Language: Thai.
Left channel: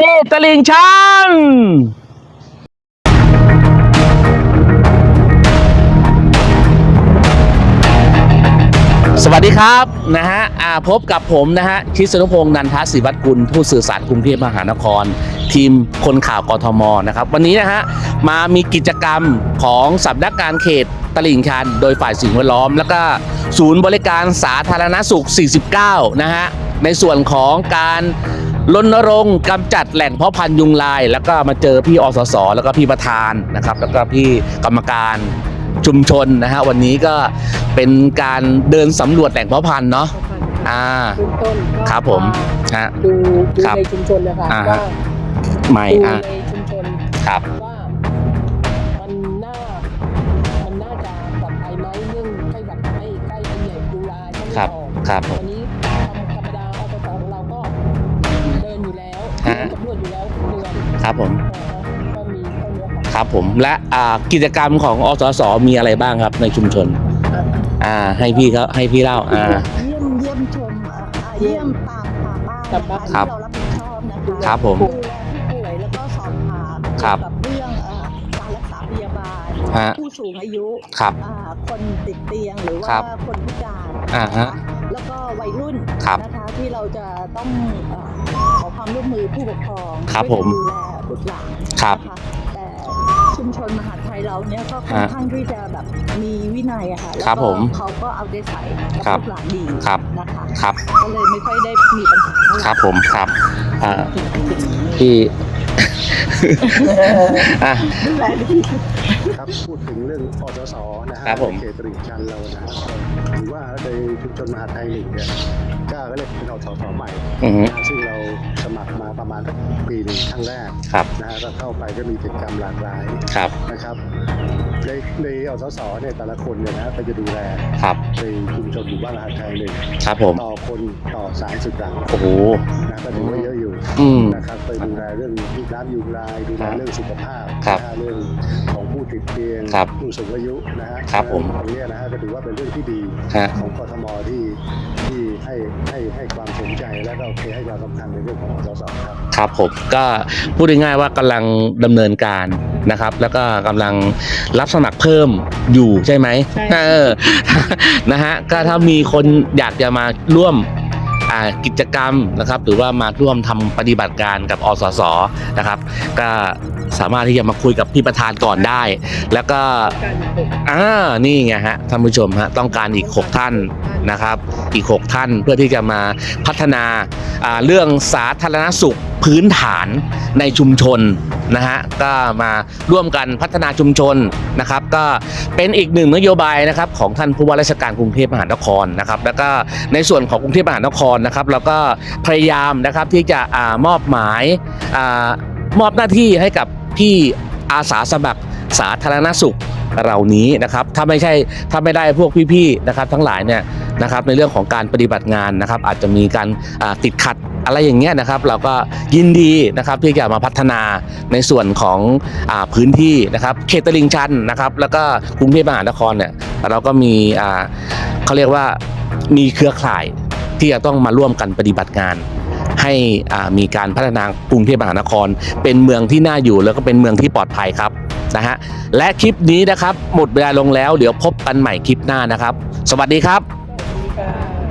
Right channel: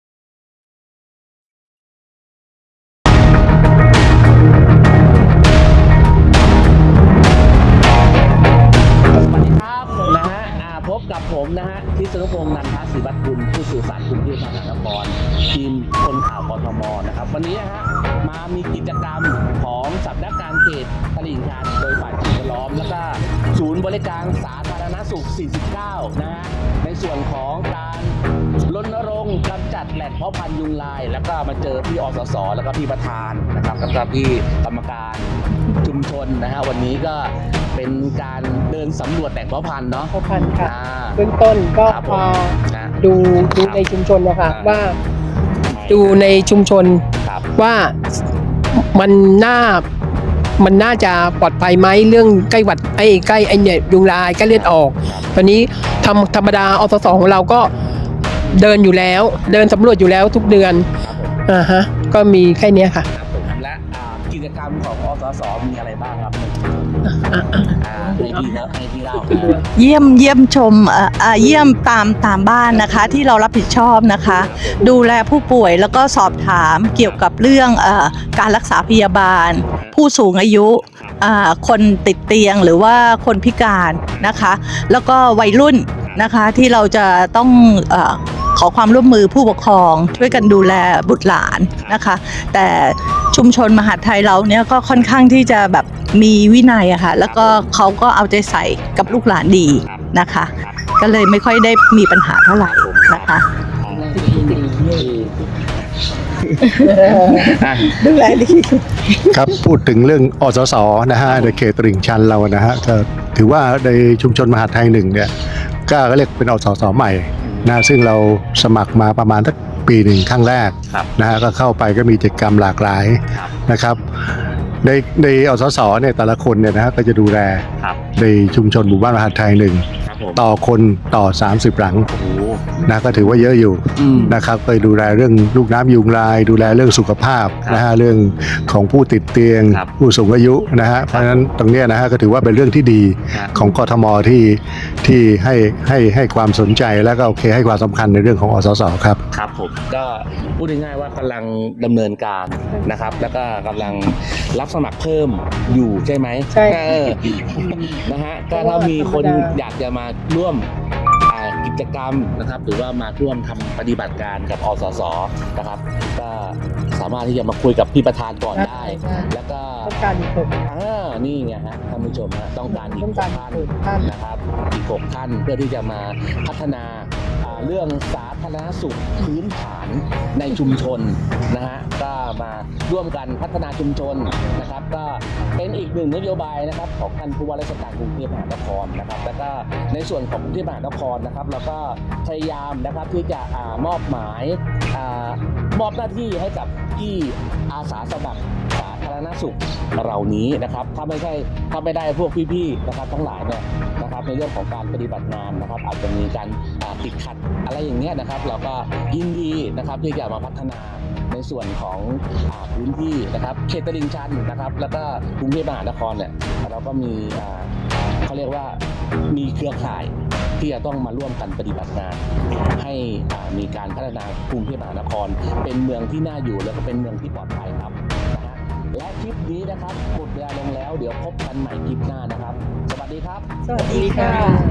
นี่ตลิ่งชันสวัสดีครับนะฮะพบกับผมนะฮะชิสนุพงษ์นันทศิวัตรกุลผู้สื่อสารกรุงเทพมหานคร ทีมคนข่าวกทมนะครับ วันนี้นะฮะมามีกิจกรรมของสำนักงานเขตตลิ่งชัน โดยฝ่ายสิ่งแวดล้อม แล้วก็ศูนย์บริการสาธารณสุข 49 นะฮะ ในส่วนของการรณรงค์กำจัดแหล่งเพาะพันธุ์ยุงลาย แล้วก็มาเจอพี่อสส แล้วก็พี่ประธานนะครับแล้วก็พี่กรรมการชุมชนนะฮะวันนี้ก็เป็นการเดินสำรวจแหล่งเพาะพันธุ์เนาะพ่อพันธุ์ค่ะอ่าเบื้องต้นก็ครับผมมาฮะ ดูดูครับในชุมชนนะคะอ่า ว่าไม่ดูอะในชุมชนครับ ว่ามันน่า มันน่าจะปลอดภัยไหมเรื่องใกล้หวัดไอ้ใกล้ไอ้เนี่ยยุงลายใกล้เลือดออกครับ ตอนนี้ทำธรรมดาอสสของเราก็เดินอยู่แล้วอ่าเดินสำรวจอยู่แล้วทุกเดือนครับผมอ่าฮะ ก็มีแค่เนี้ยค่ะ ครับผมและอ่ากิจกรรมของอสสมีอะไรบ้างครับในชุมชนอะอะอ่าให้พี่เขาให้พี่เล่าอ่า เยี่ยมเยี่ยมชมเอ่อเอ่อเยี่ยมตามตามบ้านนะคะครับที่เรารับผิดชอบนะคะ ครับผมดูแลผู้ป่วยแล้วก็สอบถามเกี่ยวกับเรื่องเออการรักษาพยาบาล ฮะ ผู้สูงอายุครับ อ่าคนติดเตียงหรือว่าคนพิการนะคะ แล้วก็วัยรุ่นครับนะคะที่เราจะต้องเออ ขอความร่วมมือผู้ปกครองครับช่วยกันผมดูแลบุตรหลานครับนะคะ แต่ชุมชนมหาดไทยเราเนี่ยก็ค่อนครับข้างที่จะแบบมีวินัยอะค่ะแล้วก็ครับผมเขาก็เอาใจใส่กับครับลูกหลานดีครับ นะคะ ครับ ก็เลยไม่ค่อยได้มีปัญหาเท่าไหร่ครับผมครับ นะะ อ่าพี่ อะดูแลดีครับพูดถึงเรื่องอสสนะฮะครับผมในเขตตลิ่งชันเรานะฮะก็ถือว่าในชุมชนมหาดไทยหนึ่งเนี่ย ก็เรียกเป็นอสสใหม่อืมนะซึ่งเราสมัครมาประมาณสักปีหนึ่งครั้งแรกครับนะฮะก็เข้าไปก็มีกิจกรรมหลากหลายครับนะครับในในอสสเนี่ยแต่ละคนเนี่ยนะฮะก็จะดูแลครับในชุมชนหมู่บ้านมหาดไทยหนึ่งครับผมต่อคนต่อ 30 หลังโอ้โหนะก็ถือว่าเยอะอยู่อืมนะครับไปดูแลเรื่องลูกน้ำยุงลาย ดูแลเรื่องสุขภาพครับนะฮะเรื่องของผู้ติดเตียงครับผู้สูงอายุนะฮะเพครับราะฉะนั้นตรงเนี้ยนะฮะก็ถือว่าเป็นเรื่องที่ดีฮะของกทมที่ ที่ให้ให้ให้ความสนใจแล้วก็โอเคให้ความสำคัญในเรื่องของอสสครับ ครับผมก็พูดง่ายๆว่ากำลังดำเนินการนะครับ แล้วก็กำลังรับสมัครเพิ่มอยู่ใช่ไหมใช่ เออนะฮะก็ถ้ามีคนอยากจะมาร่วมอ่า กิจกรรมนะครับ หรือว่ามาร่วมทำปฏิบัติการกับอสสนะครับ ก็สามารถที่จะมาคุยกับพี่ประธานก่อนได้ แล้วก็อ่านี่ไงฮะท่านผู้ชมฮะต้องการอีก 6 ท่านนะครับ อีก 6 ท่านเพื่อที่จะมาพัฒนาเรื่องสาธารณสุขพื้นฐานในชุมชนนะฮะก็มาร่วมกันพัฒนาชุมชนนะครับ ก็เป็นอีกหนึ่งนโยบายนะครับของท่านผู้ว่าราชการกรุงเทพมหานครนะครับ แล้วก็ในส่วนของกรุงเทพมหานครนะครับเราก็พยายามนะครับที่จะอมอบหมายอามอบหน้าที่ให้กับพี่อาสาสมัครสาธารณสุขเหล่านี้นะครับ ถ้าไม่ใช่ถ้าไม่ได้พวกพี่ๆนะครับ ทั้งหลายเนี่ย นะครับในเรื่องของการปฏิบัติงานนะครับ อาจจะมีการติดขัดอะไรอย่างเงี้ยนะครับ เราก็ยินดีนะครับที่จะมาพัฒนาในส่วนของอพื้นที่นะครับเขตตลิ่งชันนะครับ แล้วก็กรุงเทพมหานครเนี่ยเราก็มีเขาเรียกว่ามีเครือข่ายที่จะต้องมาร่วมกันปฏิบัติงานให้มีการพัฒนากรุงเทพมหานคร เป็นเมืองที่น่าอยู่แล้วก็เป็นเมืองที่ปลอดภัยครับนะฮะและคลิปนี้นะครับหมดเวลาลงแล้วเดี๋ยวพบกันใหม่คลิปหน้านะครับ สวัสดีครับ สวัสดีค่ะ